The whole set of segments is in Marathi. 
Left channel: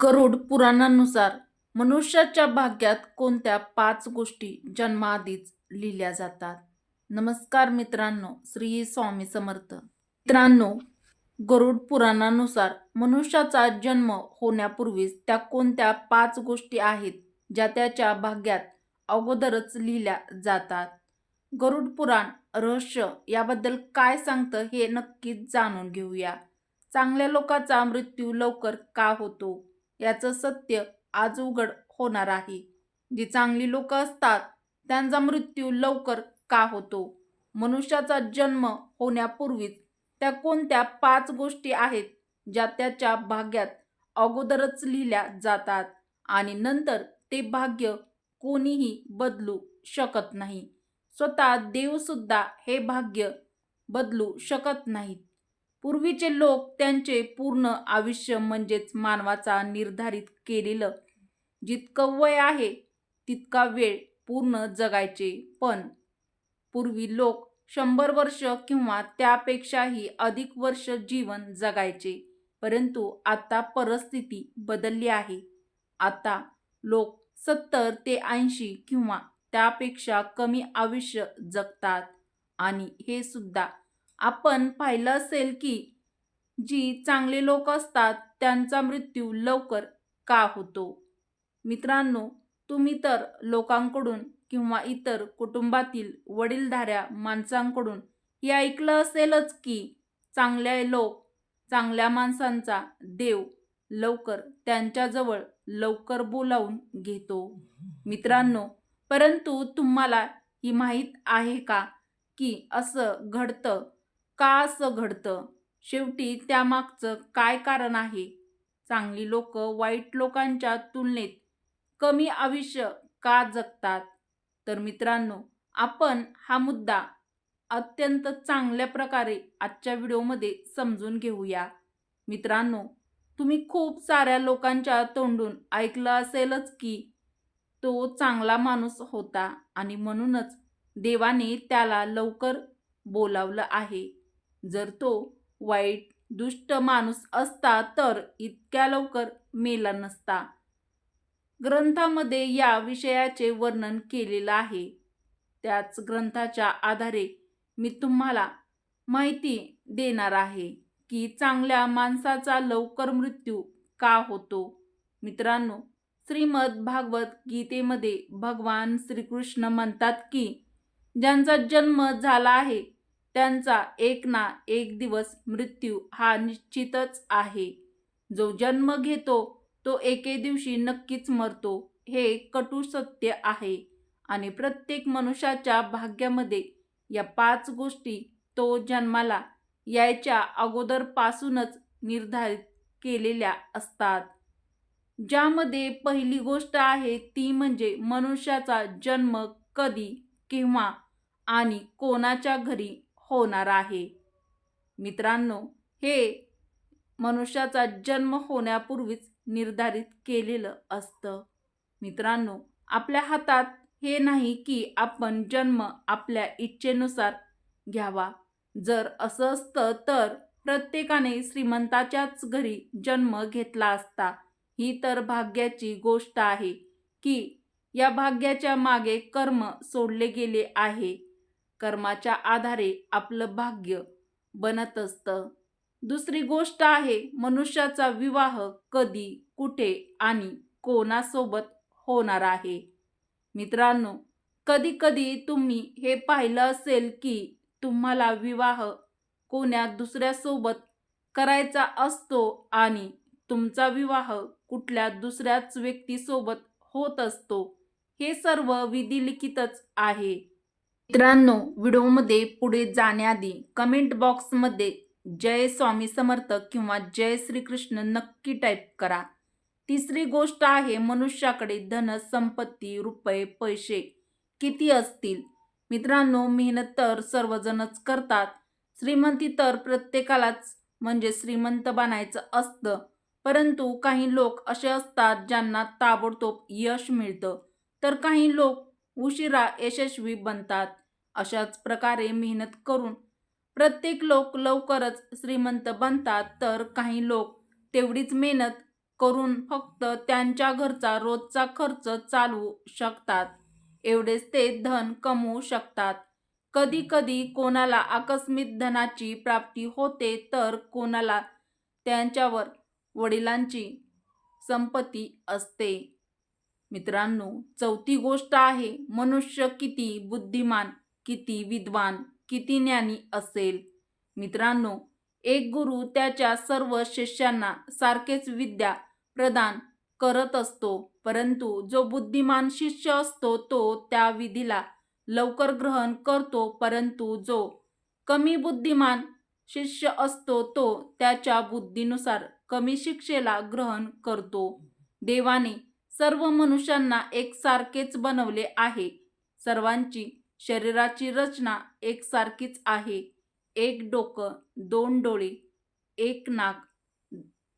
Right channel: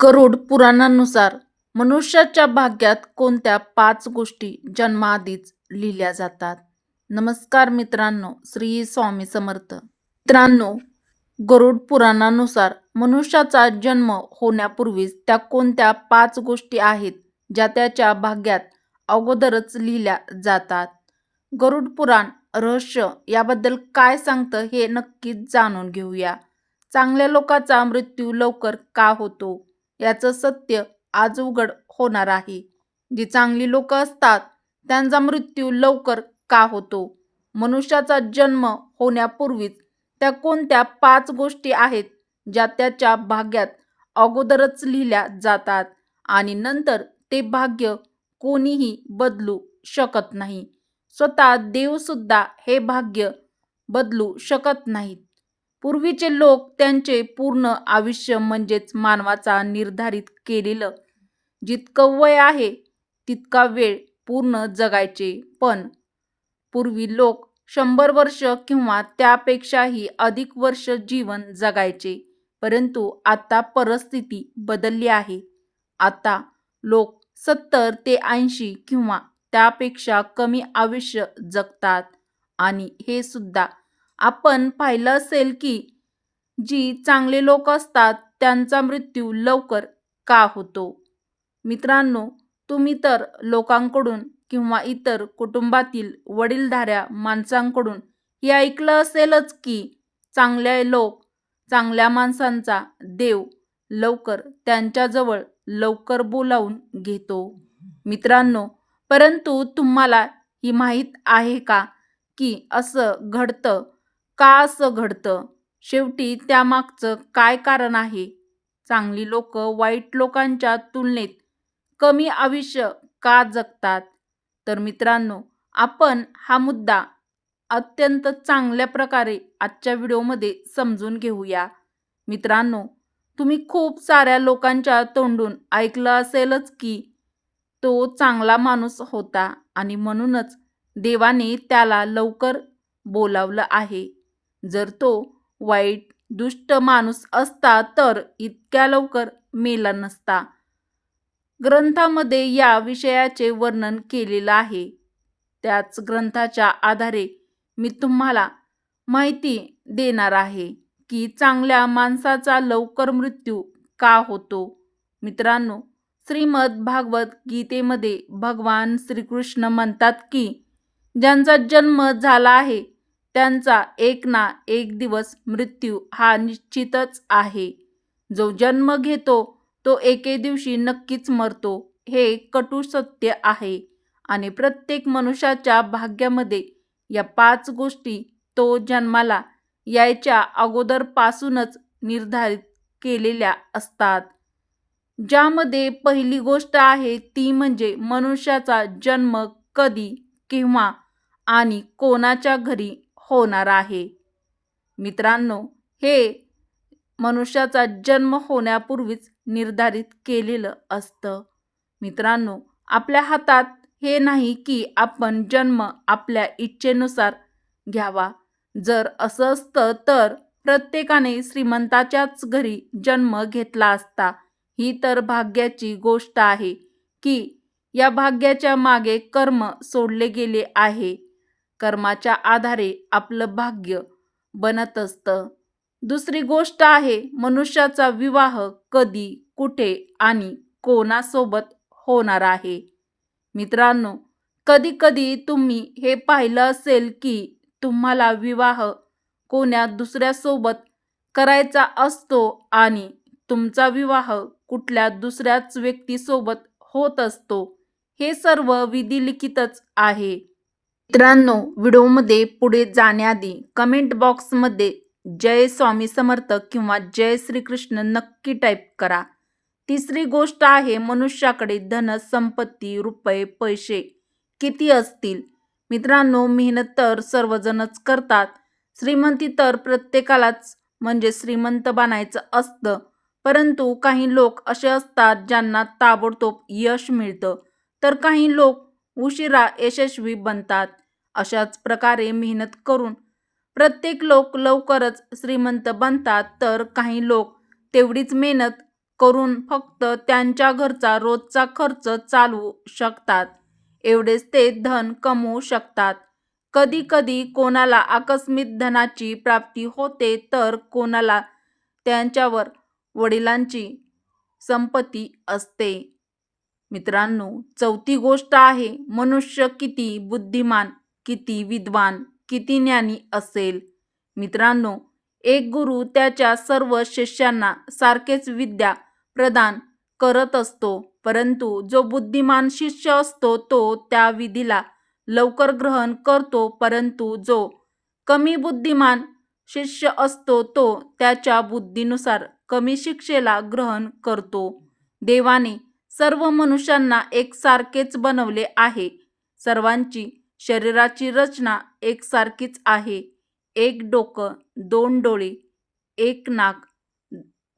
गरुड पुराणानुसार मनुष्याच्या भाग्यात कोणत्या 5 गोष्टी जन्माआधीच लिहिल्या जातात? नमस्कार मित्रांनो, श्री स्वामी समर्थ. मित्रांनो, गरुड पुराणानुसार मनुष्याचा जन्म होण्यापूर्वीच त्या कोणत्या 5 गोष्टी आहेत ज्या त्याच्या भाग्यात अगोदरच लिहिल्या जातात? गरुड पुराण रहस्य याबद्दल काय सांगतं हे नक्कीच जाणून घेऊया. चांगल्या लोकांचा मृत्यू लवकर का होतो याचं सत्य आज उघड होणार आहे. जी चांगली लोक असतात त्यांचा मृत्यू लवकर का होतो? मनुष्याचा जन्म होण्यापूर्वीच त्या कोणत्या 5 गोष्टी आहेत ज्या त्याच्या भाग्यात अगोदरच लिहिल्या जातात आणि नंतर ते भाग्य कोणीही बदलू शकत नाही. स्वतः देव सुद्धा हे भाग्य बदलू शकत नाहीत. पूर्वीचे लोक त्यांचे पूर्ण आयुष्य म्हणजेच मानवाचा निर्धारित केलेलं जितकं वय आहे तितका वेळ पूर्ण जगायचे. पण पूर्वी लोक 100 वर्ष किंवा त्यापेक्षाही अधिक वर्ष जीवन जगायचे. परंतु आता परिस्थिती बदलली आहे. आता लोक 70 ते 80 किंवा त्यापेक्षा कमी आयुष्य जगतात आणि हे सुद्धा आपण पाहिलं असेल की जी चांगले लोक असतात त्यांचा मृत्यू लवकर का होतो? मित्रांनो, तुम्ही तर लोकांकडून किंवा इतर कुटुंबातील वडीलधाऱ्या माणसांकडून हे ऐकलं असेलच की चांगल्या माणसांचा देव लवकर त्यांच्याजवळ लवकर बोलावून घेतो. मित्रांनो, परंतु तुम्हाला ही माहीत आहे का की असं घडतं? का असं घडतं? शेवटी त्यामागचं काय कारण आहे? चांगली लोक वाईट लोकांच्या तुलनेत कमी आयुष्य का जगतात? तर मित्रांनो, आपण हा मुद्दा अत्यंत चांगल्या प्रकारे आजच्या व्हिडिओमध्ये समजून घेऊया. मित्रांनो, तुम्ही खूप साऱ्या लोकांच्या तोंडून ऐकलं असेलच की तो चांगला माणूस होता आणि म्हणूनच देवाने त्याला लवकर बोलावलं आहे. जर तो वाईट, दुष्ट माणूस असता तर इतक्या लवकर मेला नसता. ग्रंथामध्ये या विषयाचे वर्णन केलेलं आहे. त्याच ग्रंथाच्या आधारे मी तुम्हाला माहिती देणार आहे की चांगल्या माणसाचा लवकर मृत्यू का होतो. मित्रांनो, श्रीमद भागवत गीतेमध्ये भगवान श्रीकृष्ण म्हणतात की ज्यांचा जन्म झाला आहे त्यांचा एक ना एक दिवस मृत्यू हा निश्चितच आहे. जो जन्म घेतो तो एके दिवशी नक्कीच मरतो. हे कटू सत्य आहे आणि प्रत्येक मनुष्याच्या भाग्यामध्ये या 5 गोष्टी तो जन्माला यायच्या अगोदरपासूनच निर्धारित केलेल्या असतात. ज्यामध्ये पहिली गोष्ट आहे ती म्हणजे मनुष्याचा जन्म कधी, केव्हा आणि कोणाच्या घरी होणार आहे. मित्रांनो, हे मनुष्याचा जन्म होण्यापूर्वीच निर्धारित केलेलं असतं. मित्रांनो, आपल्या हातात हे नाही की आपण जन्म आपल्या इच्छेनुसार घ्यावा. जर असं असतं तर प्रत्येकाने श्रीमंताच्याच घरी जन्म घेतला असता. ही तर भाग्याची गोष्ट आहे की या भाग्याच्या मागे कर्म सोडले गेले आहे. कर्माच्या आधारे आपलं भाग्य बनत असतं. दुसरी गोष्ट आहे मनुष्याचा विवाह कधी, कुठे आणि कोणासोबत होणार आहे. मित्रांनो, कधी-कधी तुम्ही हे पाहिलं असेल की तुम्हाला विवाह कोण्या दुसऱ्यासोबत करायचा असतो आणि तुमचा विवाह कुठल्या दुसऱ्याच व्यक्तीसोबत होत असतो. हे सर्व विधिलिखितच आहे. मित्रांनो, व्हिडिओमध्ये पुढे जाण्याआधी कमेंट बॉक्समध्ये जय स्वामी समर्थ किंवा जय श्रीकृष्ण नक्की टाईप करा. तिसरी गोष्ट आहे मनुष्याकडे धन, संपत्ती, रुपये, पैसे किती असतील? मित्रांनो, मेहनत तर सर्वजणच करतात. श्रीमंती तर प्रत्येकालाच म्हणजे श्रीमंत बनायचं असतं. परंतु काही लोक असे असतात ज्यांना ताबडतोब यश मिळतं, तर काही लोक उशिरा यशस्वी बनतात. अशाच प्रकारे मेहनत करून प्रत्येक लोक लवकरच श्रीमंत बनतात, तर काही लोक तेवढीच मेहनत करून फक्त त्यांच्या घरचा रोजचा खर्च चालवू शकतात. एवढेच ते धन कमवू शकतात. कधी कधी कोणाला आकस्मिक धनाची प्राप्ती होते, तर कोणाला त्यांच्यावर वडिलांची संपत्ती असते. मित्रांनो, चौथी गोष्ट आहे, मनुष्य किती बुद्धिमान, किती विद्वान, किती ज्ञानी असेल. मित्रांनो, एक गुरु त्याच्या सर्व शिष्यांना सारखेच विद्या प्रदान करत असतो, परंतु जो बुद्धिमान शिष्य असतो तो त्या विधीला लवकर ग्रहण करतो, परंतु जो कमी बुद्धिमान शिष्य असतो तो त्याच्या बुद्धीनुसार कमी शिक्षेला ग्रहण करतो. देवाने सर्व मनुष्यांना एकसारखेच बनवले आहे. सर्वांची शरीराची रचना एकसारखीच आहे. एक डोकं, दोन डोळे, एक नाक,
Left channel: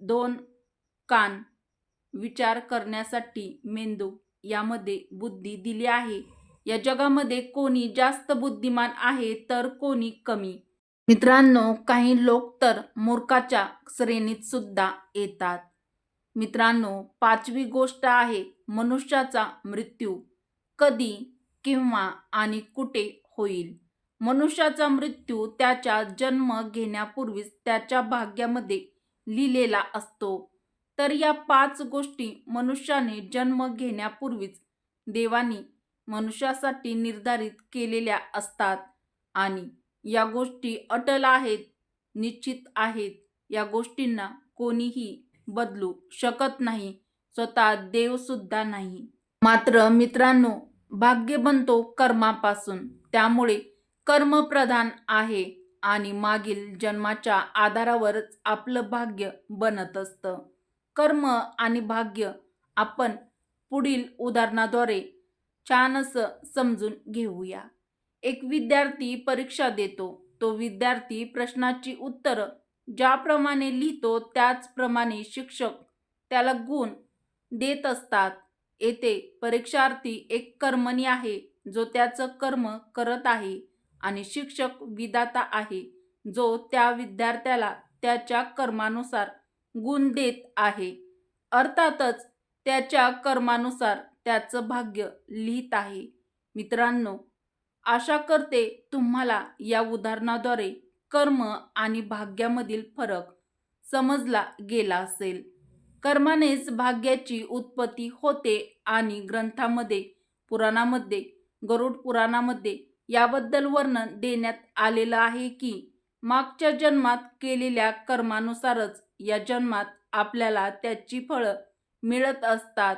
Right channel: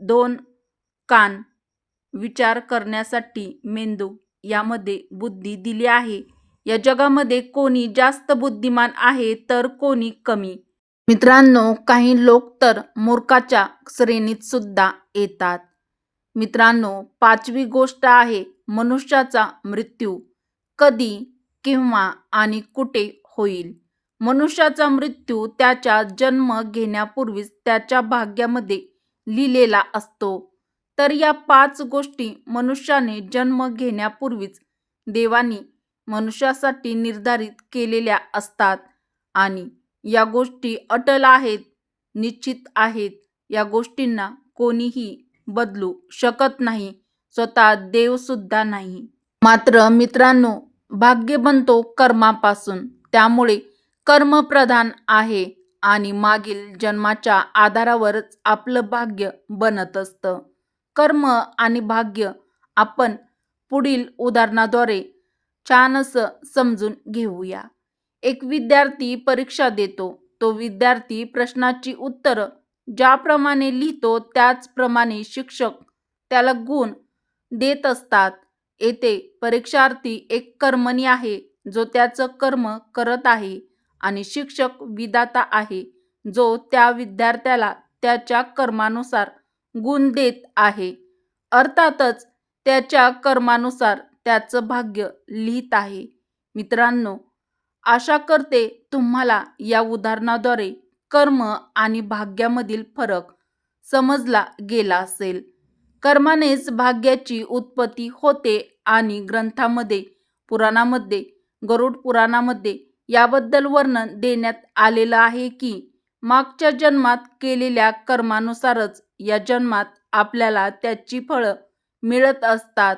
दोन कान, विचार करण्यासाठी मेंदू, यामध्ये बुद्धी दिली आहे. या जगामध्ये कोणी जास्त बुद्धिमान आहे तर कोणी कमी. मित्रांनो, काही लोक तर मूर्खाच्या श्रेणीत सुद्धा येतात. मित्रांनो, पाचवी गोष्ट आहे, मनुष्याचा मृत्यू कधी, केव्हा आणि कुठे होईल. मनुष्याचा मृत्यू त्याच्या जन्म घेण्यापूर्वीच त्याच्या भाग्यामध्ये लिहिलेला असतो. तर या 5 गोष्टी मनुष्याने जन्म घेण्यापूर्वीच देवानी मनुष्यासाठी निर्धारित केलेल्या असतात आणि या गोष्टी अटल आहेत, निश्चित आहेत. या गोष्टींना कोणीही बदलू शकत नाही, स्वतः देव सुद्धा नाही. मात्र मित्रांनो, भाग्य बनतो कर्मापासून. त्यामुळे कर्म प्रधान आहे आणि मागील जन्माच्या आधारावरच आपलं भाग्य बनत असतं. कर्म आणि भाग्य आपण पुढील उदाहरणाद्वारे छान असं समजून घेऊया. एक विद्यार्थी परीक्षा देतो. तो विद्यार्थी प्रश्नाची उत्तरं ज्याप्रमाणे लिहितो त्याचप्रमाणे शिक्षक त्याला गुण देत असतात. येथे परीक्षार्थी एक कर्मणी आहे, जो त्याचं कर्म करत आहे, आणि शिक्षक विधाता आहे, जो त्या विद्यार्थ्याला त्याच्या कर्मानुसार गुण देत आहे. अर्थातच त्याच्या कर्मानुसार त्याचं भाग्य लिहित आहे. मित्रांनो, आशा करते तुम्हाला या उदाहरणाद्वारे कर्म आणि भाग्यामधील फरक समजला गेला असेल. कर्मानेच भाग्याची उत्पत्ती होते आणि ग्रंथामध्ये, पुराणामध्ये, गरुड पुराणामध्ये याबद्दल वर्णन देण्यात आलेलं आहे की मागच्या जन्मात केलेल्या कर्मानुसारच या जन्मात आपल्याला त्याची फळं मिळत असतात.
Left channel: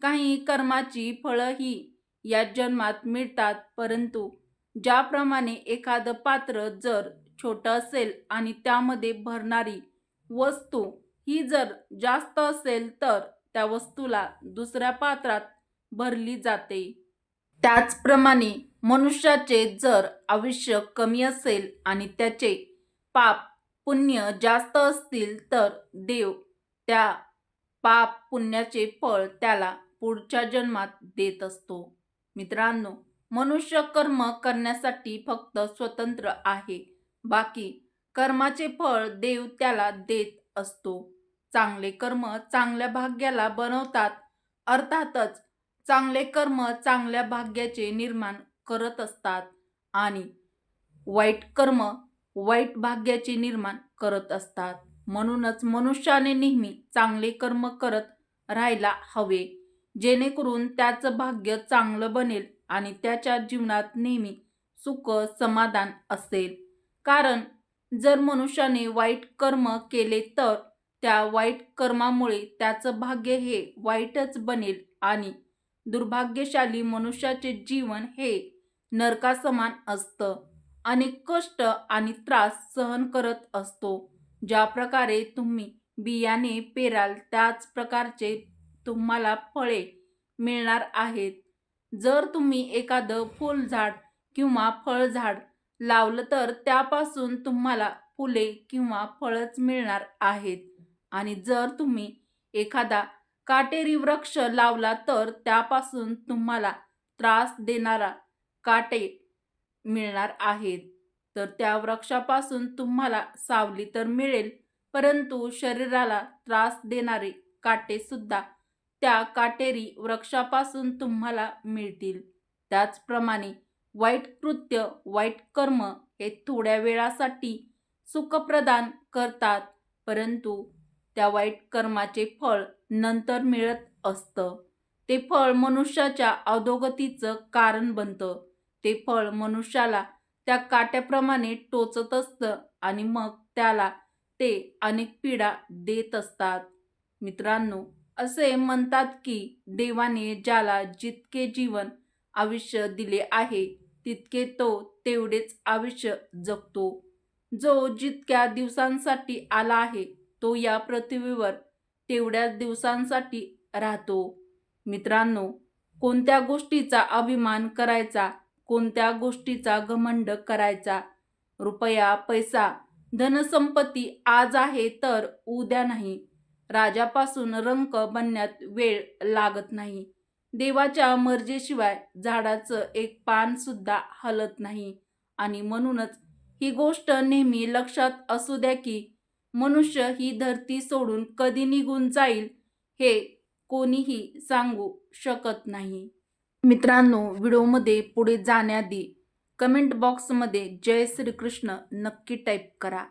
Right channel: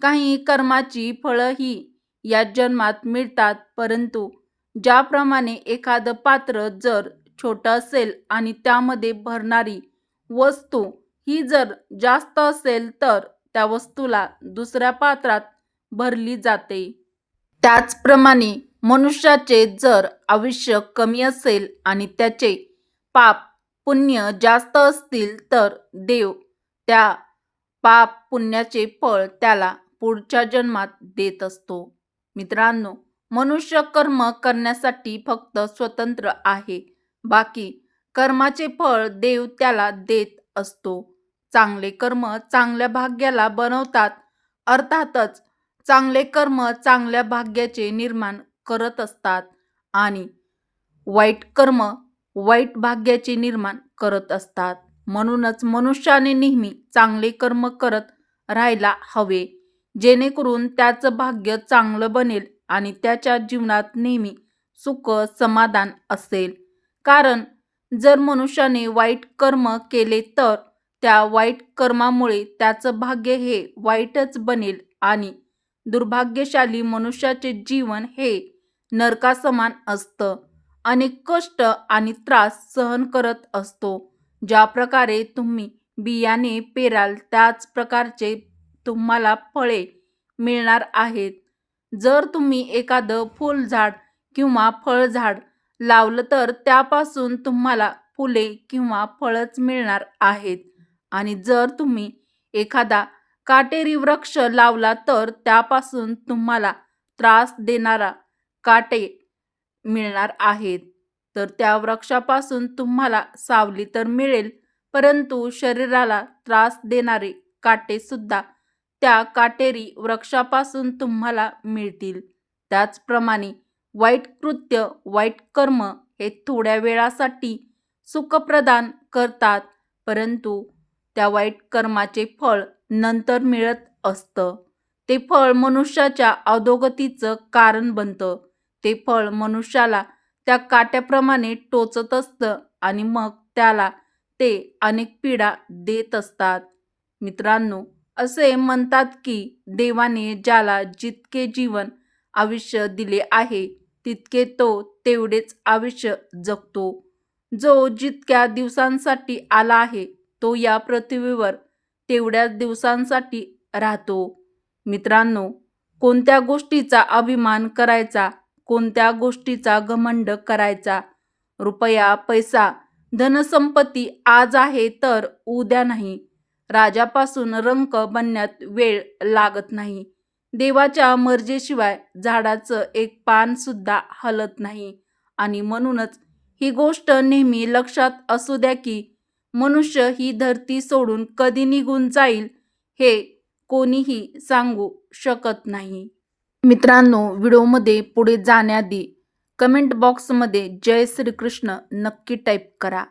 काही कर्माची फळं ही या जन्मात मिळतात, परंतु ज्याप्रमाणे एखादं पात्र जर छोटं असेल आणि त्यामध्ये भरणारी वस्तू ही जर जास्त असेल तर त्या वस्तूला दुसऱ्या पात्रात भरली जाते. त्याचप्रमाणे मनुष्याचे जर आयुष्य कमी असेल आणि त्याचे पाप पुण्य जास्त असतील तर देव त्या पाप पुण्याचे फळ त्याला पुढच्या जन्मात देत असतो. मित्रांनो, मनुष्य कर्म करण्यासाठी फक्त स्वतंत्र आहे. बाकी कर्माचे फळ देव त्याला देत असतो. चांगले कर्म चांगल्या भाग्याला बनवतात. अर्थातच चांगले कर्म चांगल्या भाग्याचे निर्माण करत असतात आणि वाईट कर्म वाईट भाग्याचे निर्माण करत असतात. म्हणूनच मनुष्याने नेहमी चांगले कर्म करत राहायला हवे, जेणेकरून त्याचं भाग्य चांगलं बनेल आणि त्याच्या जीवनात नेहमी सुख समाधान असेल. कारण जर मनुष्याने वाईट कर्म केले तर त्या वाईट कर्मामुळे त्याचं भाग्य हे वाईटच बनेल आणि दुर्भाग्यशाली मनुष्याचे जीवन हे नरकासमान असतं. अनेक कष्ट आणि त्रास सहन करत असतो. ज्या प्रकारे तुम्ही बियाणे पेराल त्याच प्रकारचे तुम्हाला फळे मिळणार आहेत. जर तुम्ही एखादं फुलझाड किंवा फळझाड लावलं तर त्यापासून तुम्हाला फुले किंवा फळच मिळणार आहेत, आणि जर तुम्ही एखादा काटेरी वृक्ष लावला तर त्यापासून तुम्हाला त्रास देणारा काटे मिळणार आहेत. तर त्या वृक्षापासून तुम्हाला सावली तर मिळेल, परंतु शरीराला त्रास देणारे काटे सुद्धा त्या काटेरी वृक्षापासून तुम्हाला मिळतील. त्याचप्रमाणे वाईट कृत्य, वाईट कर्म हे थोड्या वेळासाठी सुख प्रदान करतात, परंतु त्या वाईट कर्माचे फळ नंतर मिळत असतं. ते फळ मनुष्याच्या अधोगतीचं कारण बनतं. ते फळ मनुष्याला त्या काट्याप्रमाणे टोचत असतं आणि मग त्याला ते अनेक पीडा देत असतात. मित्रांनो, असे म्हणतात की देवाने ज्याला जितके जीवन आयुष्य दिले आहे, तितके तो तेवढेच आयुष्य जगतो. जो जितक्या दिवसांसाठी आला आहे, तो या पृथ्वीवर तेवढ्याच दिवसांसाठी राहतो. मित्रांनो, कोणत्या गोष्टीचा अभिमान करायचा, कोणत्या गोष्टीचा घमंड करायचा? रुपया, पैसा, धनसंपत्ती आज आहे तर उद्या नाही. राजापासून रंक बनण्यात वेळ लागत नाही. देवाच्या मर्जीशिवाय झाडाचं एक पान सुद्धा हलत नाही. आणि म्हणूनच ही गोष्ट नेहमी लक्षात असू द्या की मनुष्य ही धरती सोडून कधी निघून जाईल हे कोणीही सांगू शकत नाही. मित्रांनो, व्हिडिओमध्ये पुढे जाण्याआधी कमेंट बॉक्समध्ये जय श्रीकृष्ण नक्की टाईप करा.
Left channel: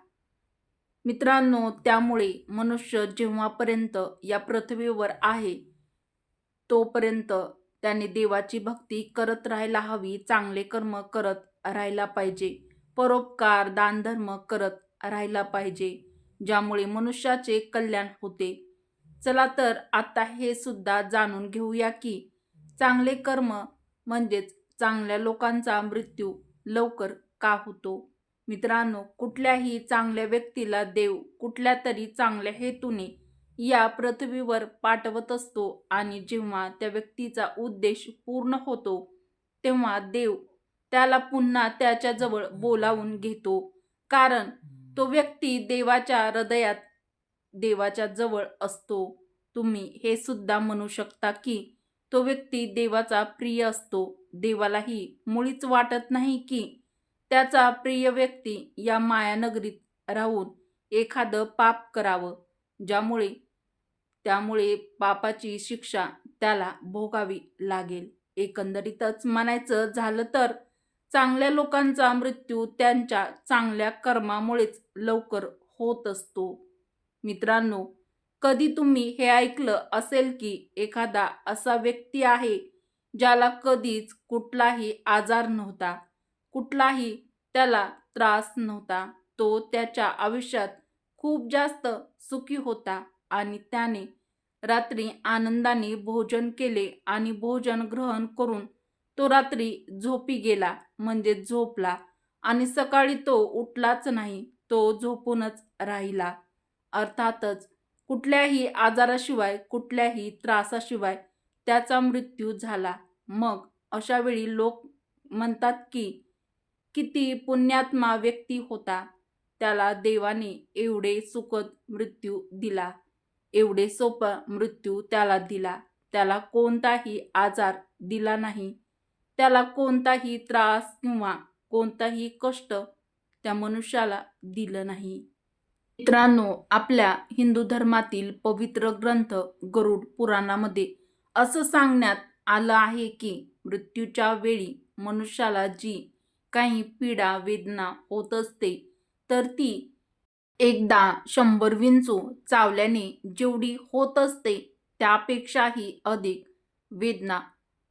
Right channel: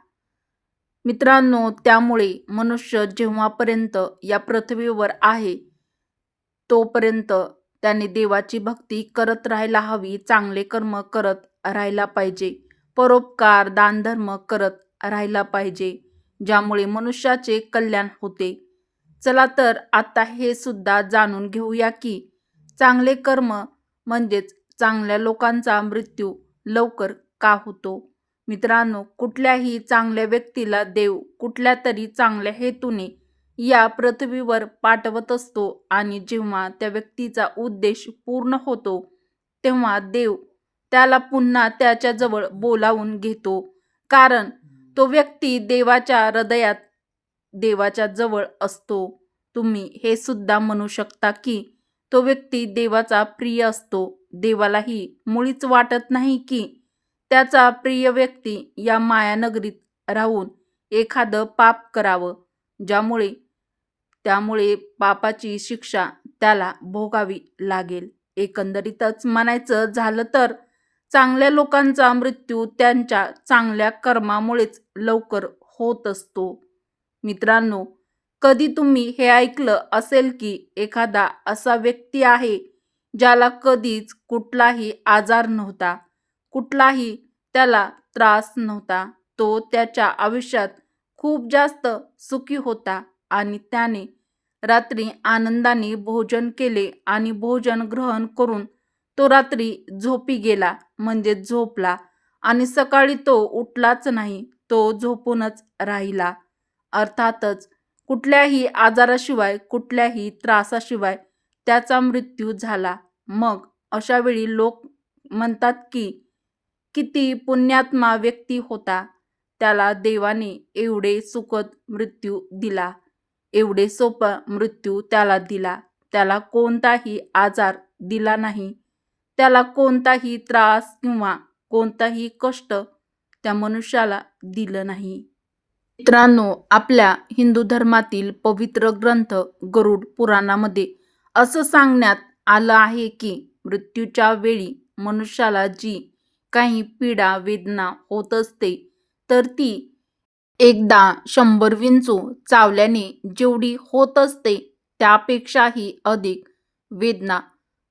मित्रांनो, त्यामुळे मनुष्य जेव्हापर्यंत या पृथ्वीवर आहे तोपर्यंत त्याने देवाची भक्ती करत राहायला हवी, चांगले कर्म करत राहायला पाहिजे, परोपकार, दानधर्म करत राहायला पाहिजे, ज्यामुळे मनुष्याचे कल्याण होते. चला तर आता हे सुद्धा जाणून घेऊया की चांगले कर्म म्हणजेच चांगल्या लोकांचा मृत्यू लवकर का होतो. मित्रांनो, कुठल्याही चांगल्या व्यक्तीला देव कुठल्या तरी चांगल्या हेतूने या पृथ्वीवर पाठवत असतो आणि जेव्हा त्या व्यक्तीचा उद्देश पूर्ण होतो तेव्हा देव त्याला पुन्हा त्याच्याजवळ बोलावून घेतो. कारण तो व्यक्ती देवाच्या हृदयात, देवाच्या जवळ असतो. तुम्ही हे सुद्धा म्हणू शकता की तो व्यक्ती देवाचा प्रिय असतो. देवालाही मुळीच वाटत नाही की त्याचा प्रिय व्यक्ती या मायानगरीत राहून एखादं पाप करावं, त्यामुळे पापाची शिक्षा त्याला भोगावी लागेल. एकंदरीतच म्हणायचं झालं तर चांगल्या लोकांचा मृत्यू त्यांच्या चांगल्या कर्मामुळेच लवकर होत असतो. मित्रांनो, कधी तुम्ही हे ऐकलं असेल की एखादा असा व्यक्ती आहे ज्याला कधीच कुठलाही आजार नव्हता, कुठलाही त्याला त्रास नव्हता, तो त्याच्या आयुष्यात खूप जास्त सुखी होता आणि त्याने रात्री आनंदाने भोजन केले आणि भोजन ग्रहण करून तो रात्री झोपी गेला, म्हणजे झोपला आणि सकाळी तो उठलाच नाही, तो झोपूनच राहिला. अर्थातच कुठल्याही आजाराशिवाय, कुठल्याही त्रासाशिवाय त्याचा मृत्यू झाला. मग अशा वेळी लोक म्हणतात की किती पुण्यात्मा व्यक्ती होता, त्याला देवाने एवढे सुखद मृत्यू दिला, एवढे सोपा मृत्यू त्याला दिला, त्याला कोणताही आजार दिला नाही, त्याला कोणताही त्रास किंवा कोणताही कष्ट त्या मनुष्याला दिलं नाही. मित्रांनो, आपल्या हिंदू धर्मातील पवित्र ग्रंथ गरुड पुराणामध्ये असं सांगण्यात आलं आहे की मृत्यूच्या वेळी मनुष्याला जी काही पीडा वेदना होत असते तर ती एकदा 100 विंचू चावल्याने जेवढी होत असते त्यापेक्षाही अधिक वेदना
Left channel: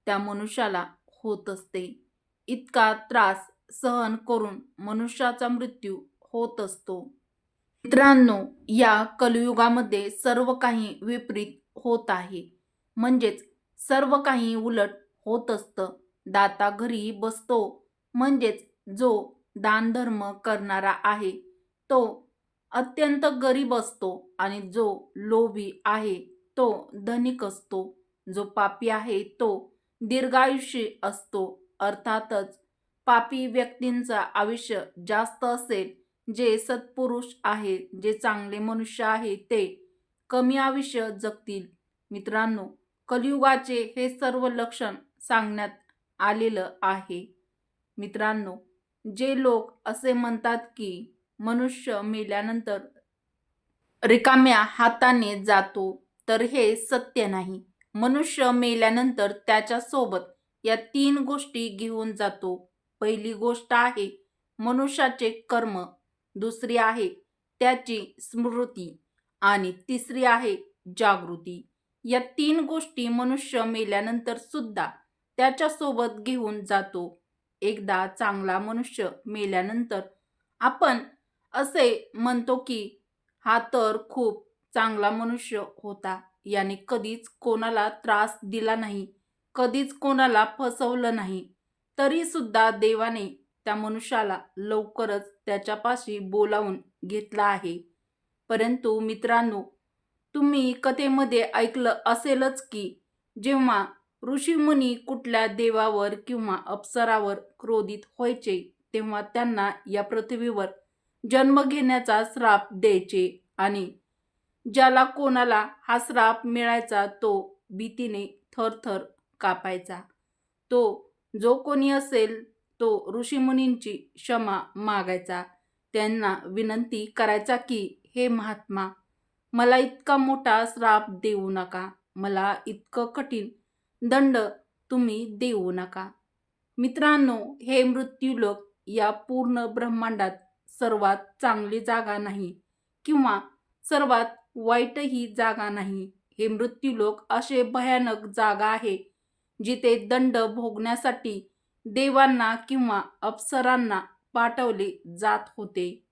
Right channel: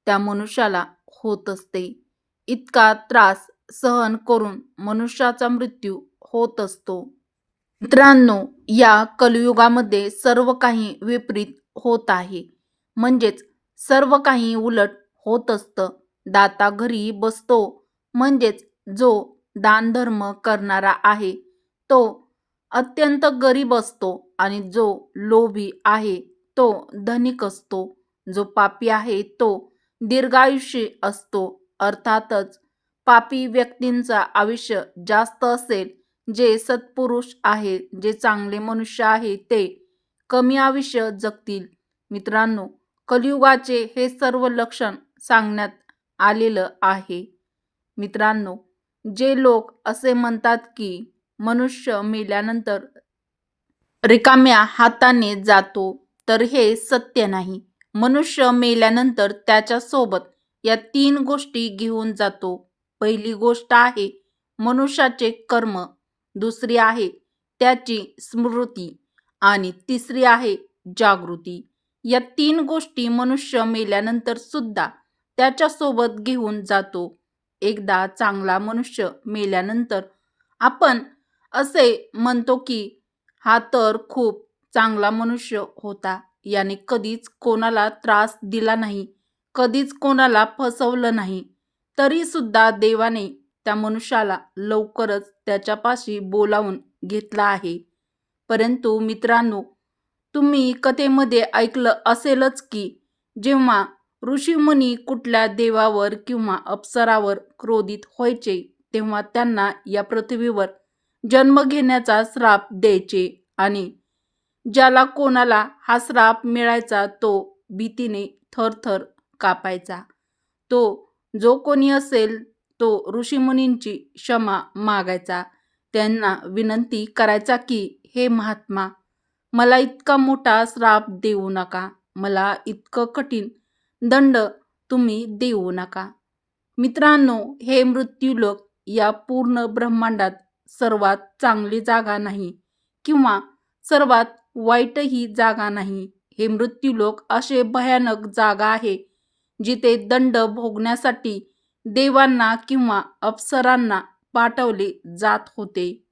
त्या मनुष्याला होत असते. इतका त्रास सहन करून मनुष्याचा मृत्यू होत असतो. मित्रांनो, या कलियुगामध्ये सर्व काही विपरीत होत आहे, म्हणजेच सर्व काही उलट होत असतं. दाता घरी बसतो म्हणजेच जो दानधर्म करणारा आहे तो अत्यंत गरीब असतो आणि जो लोभी आहे तो धनिक असतो. जो पापी आहे तो दीर्घायुषी असतो. अर्थातच पापी व्यक्तींचा आयुष्य जास्त असेल, जे सत्पुरुष आहेत, जे चांगले मनुष्य आहेत ते कमी आयुष्य जगतील. मित्रांनो, कलियुगाचे हे सर्व लक्षण सांगण्यात आलेलं आहे. मित्रांनो, जे लोक असे म्हणतात की मनुष्य मेल्यानंतर रिकाम्या हाताने जातो, तर हे सत्य नाही. मनुष्य मेल्यानंतर त्याच्यासोबत या 3 गोष्टी घेऊन जातो. पहिली गोष्ट आहे मनुष्याचे कर्म, दुसरी आहे त्याची स्मृती आणि तिसरी आहे जागृती. या 3 गोष्टी मनुष्य मेल्यानंतर सुद्धा त्याच्यासोबत घेऊन जातो. एकदा चांगला मनुष्य मेल्यानंतर आपण असे म्हणतो की हा तर खूप चांगला मनुष्य होता. याने कधीच कोणाला त्रास दिला नाही, कधीच कोणाला फसवलं नाही. तरी सुद्धा देवाने त्या मनुष्याला लवकरच त्याच्यापाशी बोलावून घेतला आहे. परंतु मित्रांनो, तुम्ही कथेमध्ये ऐकलं असेलच की जेव्हा ऋषीमुनी कुठल्या देवावर किंवा अप्सरावर क्रोधित व्हायचे, तेव्हा त्यांना या पृथ्वीवर जन्म घेण्याचा श्राप द्यायचे आणि ज्याला कोणाला हा श्राप मिळायचा तो भीतीने थरथर कापायचा. तो जो कोणी असेल तो ऋषीमुनींची क्षमा मागायचा. त्यांना विनंती करायचा की हे महात्मा, मला इतका मोठा श्राप देऊ नका. मला इतकं कठीण दंड तुम्ही देऊ नका. मित्रांनो, हे मृत्यूलोक या पूर्ण ब्रह्मांडात सर्वात चांगली जागा नाही किंवा सर्वात वाईटही जागा नाही. हे मृत्यूलोक असे भयानक जागा आहे जिथे दंड भोगण्यासाठी देवांना किंवा अप्सरांना पाठवले जात होते.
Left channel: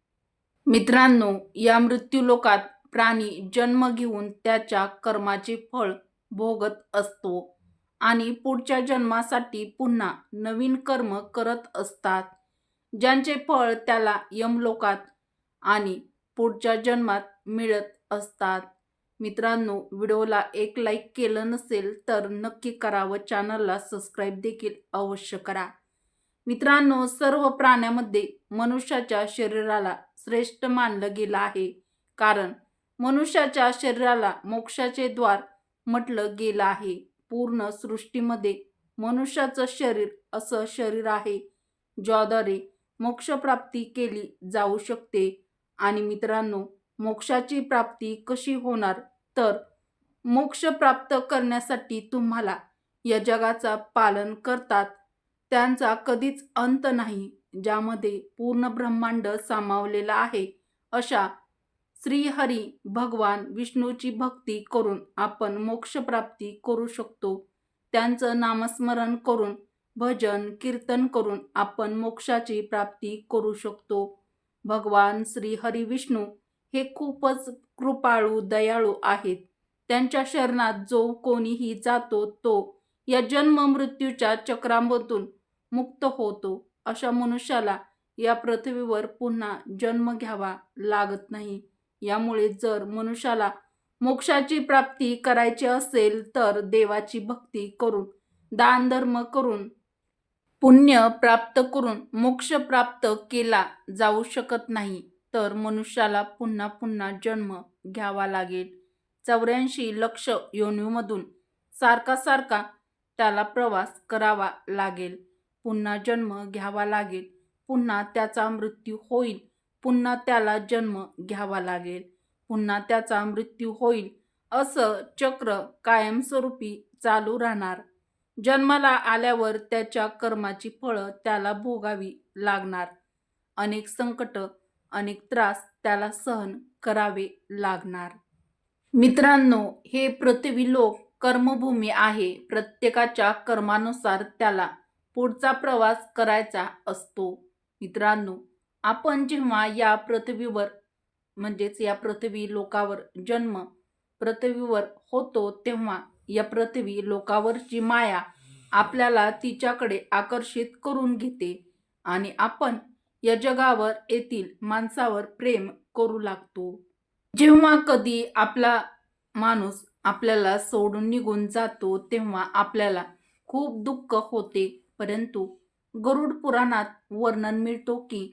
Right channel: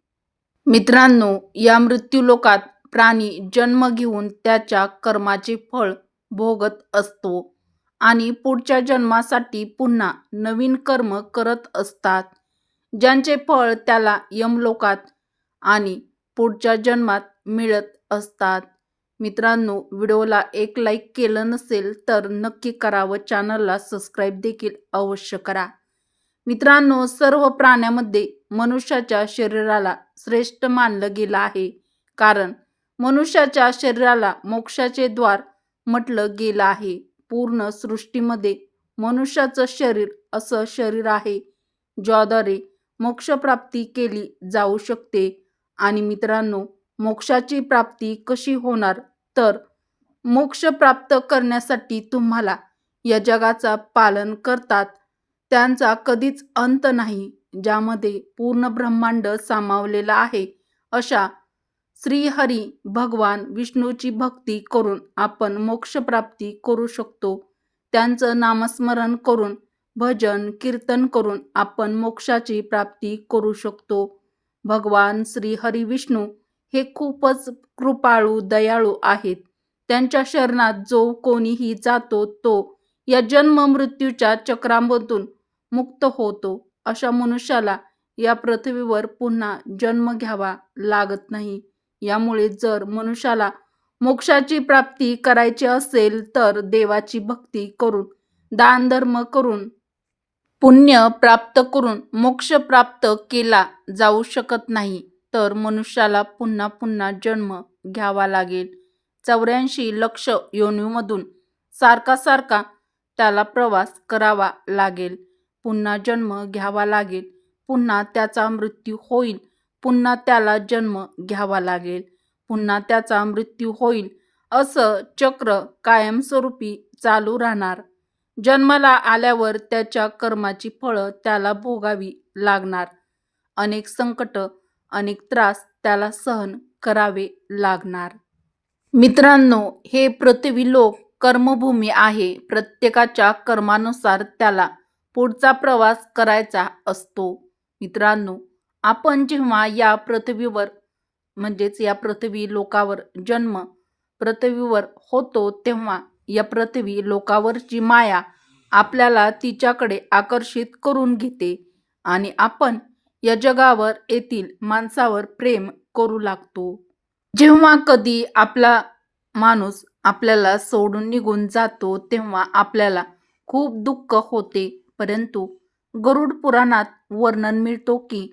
मित्रांनो, या मृत्यूलोकात प्राणी जन्म घेऊन त्याच्या कर्माचे फळ भोगत असतो आणि पुढच्या जन्मासाठी पुन्हा नवीन कर्म करत असतात, ज्यांचे फळ त्याला यमलोकात आणि पुढच्या जन्मात मिळत असतात. मित्रांनो, व्हिडिओला एक लाईक केलं नसेल तर नक्की करा व चॅनलला सबस्क्राईब देखील अवश्य करा. मित्रांनो, सर्व प्राण्यामध्ये मनुष्याच्या शरीराला श्रेष्ठ मानलं गेलं आहे, कारण मनुष्याच्या शरीराला मोक्षाचे द्वार म्हटलं गेलं आहे. पूर्ण सृष्टीमध्ये मनुष्याचं शरीर असं शरीर आहे ज्याद्वारे मोक्षप्राप्ती केली जाऊ शकते. आणि मित्रांनो, मोक्षाची प्राप्ती कशी होणार? तर मोक्ष प्राप्त करण्यासाठी तुम्हाला या जगाचा पालन करतात त्यांचा कधीच अंत नाही, ज्यामध्ये पूर्ण ब्रह्मांड सामावलेला आहे, अशा श्रीहरी भगवान विष्णूची भक्ती करून आपण मोक्षप्राप्ती करू शकतो. त्यांचं नामस्मरण करून, भजन कीर्तन करून आपण मोक्षाची प्राप्ती करू शकतो. भगवान श्रीहरी विष्णू हे खूपच कृपाळू दयाळू आहेत. त्यांच्या शरणात जो कोणीही जातो तो या जन्म मृत्यूच्या चक्रामधून मुक्त होतो. अशा मनुष्याला या पृथ्वीवर पुन्हा जन्म घ्यावा लागत नाही. यामुळे जर मनुष्याला मोक्षाची प्राप्ती करायची असेल तर देवाची भक्ती करून, दानधर्म करून, पुण्य प्राप्त करून मोक्ष प्राप्त केला जाऊ शकत नाही. तर मनुष्याला पुन्हा पुन्हा जन्म घ्यावा लागेल. 84 लक्ष योनीमधून सारखा सारखा त्याला प्रवास करावा लागेल. पुन्हा जन्म घ्यावा लागेल. पुन्हा त्याचा मृत्यू होईल. पुन्हा त्याला जन्म घ्यावा लागेल. पुन्हा त्याचा मृत्यू होईल. असं चक्र कायमस्वरूपी चालू राहणार. जन्माला आल्यावर त्याच्या कर्माची फळं त्याला भोगावी लागणार. अनेक संकट, अनेक त्रास त्याला सहन करावे लागणार. मित्रांनो, हे पृथ्वीलोक कर्मभूमी आहे. प्रत्येकाच्या कर्मानुसार त्याला पुढचा प्रवास करायचा असतो. मित्रांनो, आपण जेव्हा या पृथ्वीवर म्हणजेच या पृथ्वी लोकावर जन्म पृथ्वीवर होतो तेव्हा या पृथ्वी लोकावरची माया आपल्याला तिच्याकडे आकर्षित करून घेते आणि आपण या जगावर येथील माणसावर प्रेम करू लागतो. जेव्हा कधी आपला माणूस आपल्याला सोडून निघून जातो तेव्हा आपल्याला खूप दुःख होते. परंतु गरुड पुराणात वर्णन मिळतो की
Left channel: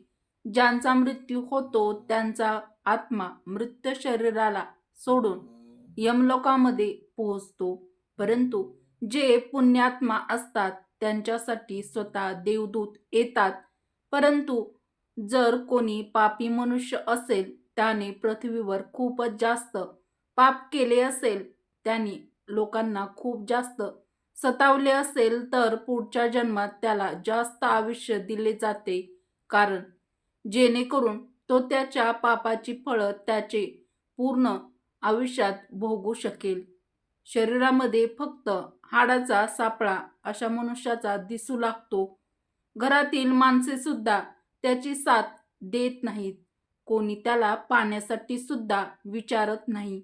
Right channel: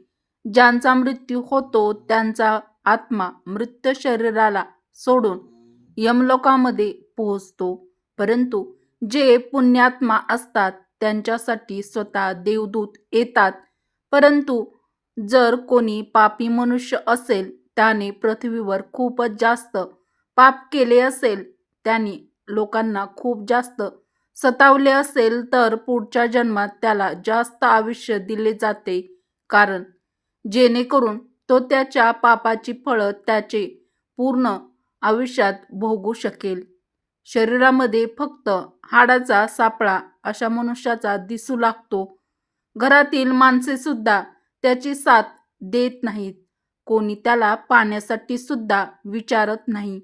ज्यांचा मृत्यू होतो त्यांचा आत्मा मृत शरीराला सोडून यमलोकामध्ये पोहोचतो. परंतु जे पुण्यात्मा असतात त्यांच्यासाठी स्वतः देवदूत येतात. परंतु जर कोणी पापी मनुष्य असेल, त्याने पृथ्वीवर खूपच जास्त पाप केले असेल, त्याने लोकांना खूप जास्त सतावले असेल तर पुढच्या जन्मात त्याला जास्त आयुष्य दिले जाते, कारण जेणेकरून तो त्याच्या पापाची फळं त्याचे पूर्ण आयुष्यात भोगू शकेल. शरीरामध्ये फक्त हाडाचा सापळा अशा मनुष्याचा दिसू लागतो. घरातील माणसे सुद्धा त्याची साथ देत नाहीत. कोणी त्याला पाण्यासाठी सुद्धा विचारत नाही.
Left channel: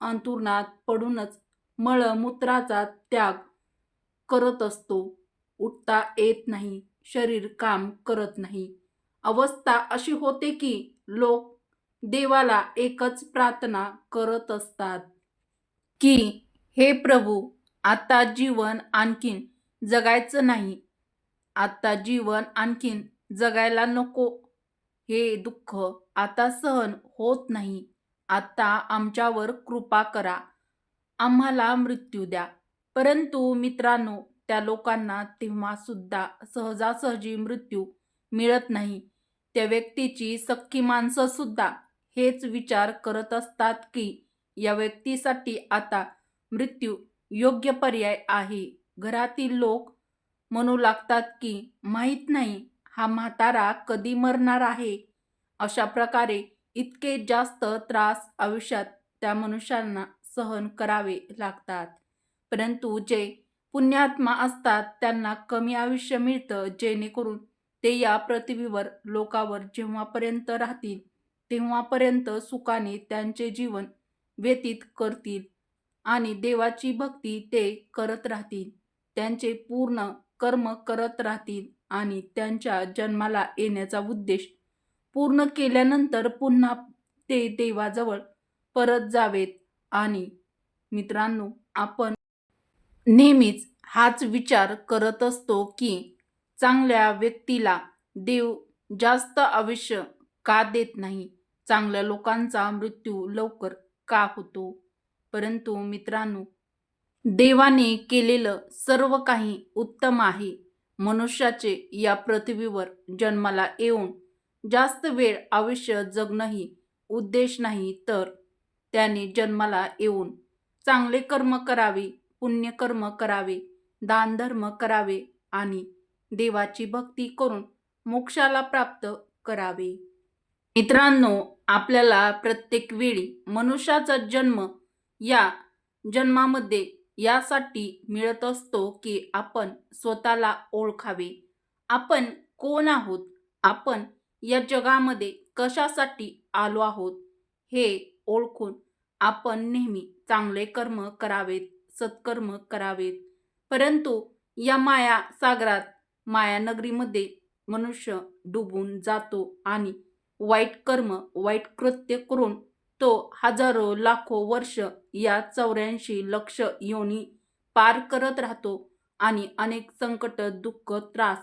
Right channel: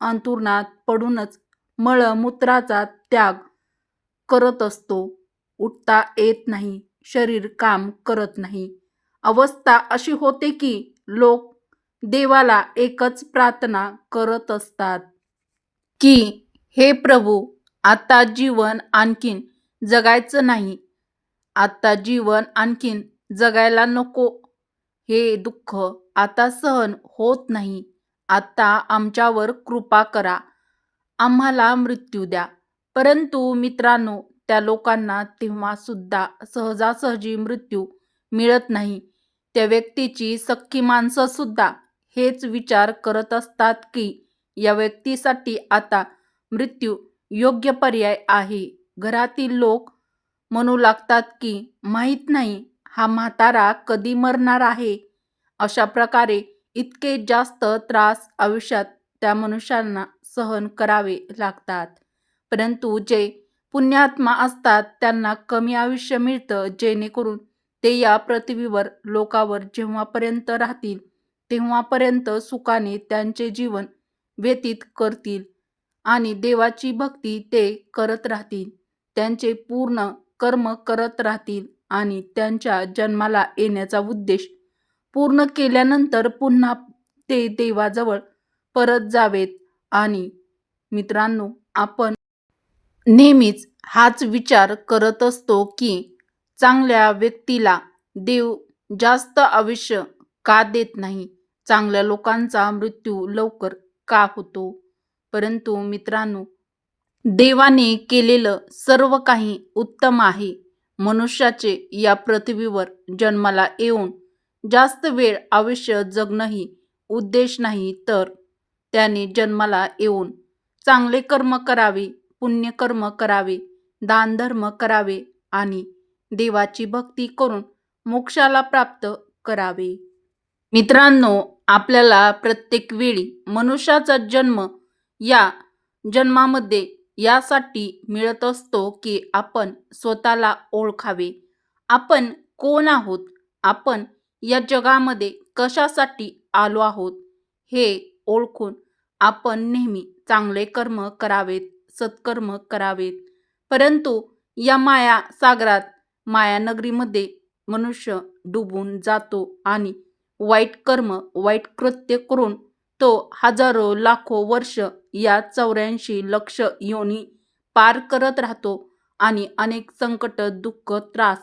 अंथरुणात पडूनच मळमूत्राचा त्याग करत असतो. उठता येत नाही, शरीर काम करत नाही. अवस्था अशी होते की लोक देवाला एकच प्रार्थना करत असतात की हे प्रभू, आता जीवन आणखीन जगायचं नाही. आता जीवन आणखीन जगायला नको. हे दुःख आता सहन होत नाही. आता आमच्यावर कृपा करा. आम्हाला मृत्यू द्या. परंतु मित्रांनो, त्या लोकांना तेव्हा सुद्धा सहजासहजी मृत्यू मिळत नाही. त्या व्यक्तीची सख्खी माणसं सुद्धा हेच विचार करत असतात की या व्यक्तीसाठी आता मृत्यू योग्य पर्याय आहे. घरातील लोक म्हणू लागतात की माहीत नाही हा म्हातारा कधी मरणार आहे. अशा प्रकारे इतके जास्त त्रास आयुष्यात त्या मनुष्यांना सहन करावे लागतात. परंतु जे पुण्यात्मा असतात त्यांना कमी आयुष्य मिळतं, जेणेकरून ते या पृथ्वीवर लोकावर जेव्हापर्यंत राहतील तेव्हापर्यंत सुखाने त्यांचे जीवन व्यतीत करतील आणि देवाची भक्ती ते करत राहतील. त्यांचे पूर्ण कर्म करत राहतील आणि त्यांच्या जन्माला येण्याचा उद्देश पूर्ण केल्यानंतर पुन्हा ते देवाजवळ परत जावेत. आणि मित्रांनो, आपण नेहमीच हाच विचार करत असतो की चांगल्या व्यक्तीला देव जास्त आयुष्य का देत नाही, चांगल्या लोकांचा मृत्यू लवकर का होतो. परंतु मित्रांनो, देवाने केलेलं सर्व काही उत्तम आहे. मनुष्याचे या पृथ्वीवर जन्माला येऊन जास्त वेळ आयुष्य जगणंही उद्देश नाही, तर त्याने जन्माला येऊन चांगले कर्म करावे, पुण्यकर्म करावे, दानधर्म करावे आणि देवाची भक्ती करून मोक्षाला प्राप्त करावे. मित्रांनो, आपल्याला प्रत्येक वेळी मनुष्याचा जन्म या जन्मामध्ये यासाठी मिळत असतो की आपण स्वतःला ओळखावे. आपण कोण आहोत, आपण या जगामध्ये कशासाठी आलो आहोत हे ओळखून आपण नेहमी चांगले कर्म करावेत, सत्कर्म करावेत. परंतु या माया सागरात, मायानगरीमध्ये मनुष्य डुबून जातो आणि वाईट कर्म, वाईट कृत्य करून तो हजारो लाखो वर्ष या 84 लक्ष योनी पार करत राहतो आणि अनेक संकट, दुःख, त्रास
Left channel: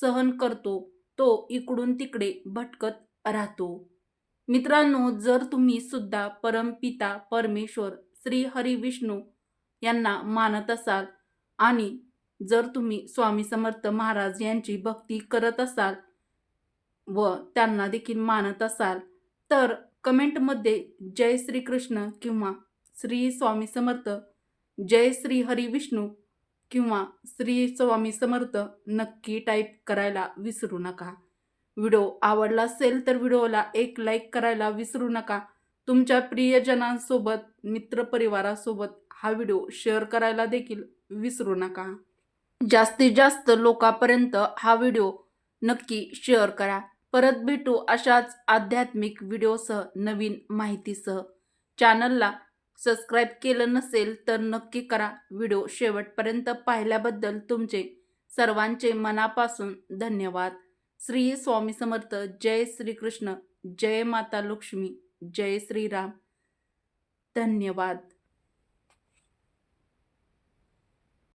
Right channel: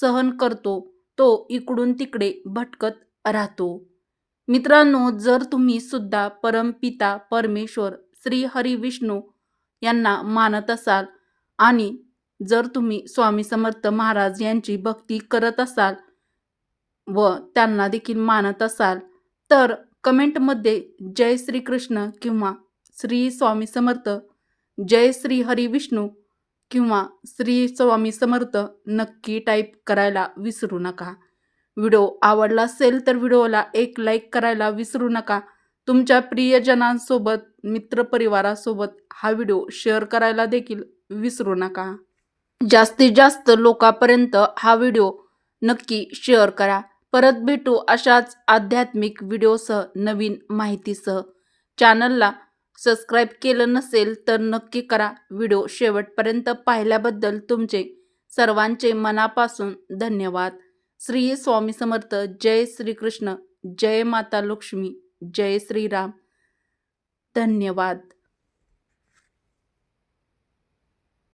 सहन करतो. तो इकडून तिकडे भटकत राहतो. मित्रांनो, जर तुम्ही सुद्धा परमपिता परमेश्वर श्री हरी विष्णू यांना मानत असाल आणि जर तुम्ही स्वामी समर्थ महाराज यांची भक्ती करत असाल व त्यांना देखील मानत असाल, तर कमेंटमध्ये जय श्री कृष्ण किंवा श्री स्वामी समर्थ, जय श्री हरी विष्णू किंवा श्री स्वामी समर्थ नक्की टाईप करायला विसरू नका. व्हिडिओ आवडला असेल तर व्हिडिओला एक लाईक करायला विसरू नका. तुमच्या प्रियजनांसोबत, मित्रपरिवारासोबत हा व्हिडिओ शेअर करायला देखील विसरू नका. जास्तीत जास्त लोकांपर्यंत हा व्हिडिओ नक्की शेअर करा. परत भेटू अशाच आध्यात्मिक व्हिडिओसह, नवीन माहितीसह. चॅनलला सबस्क्राईब केलं नसेल तर नक्की करा. व्हिडिओ शेवटपर्यंत पाहिल्याबद्दल तुमचे सर्वांचे मनापासून धन्यवाद. श्री स्वामी समर्थ. जय श्री कृष्ण. जय माता लक्ष्मी. जय श्रीराम. धन्यवाद.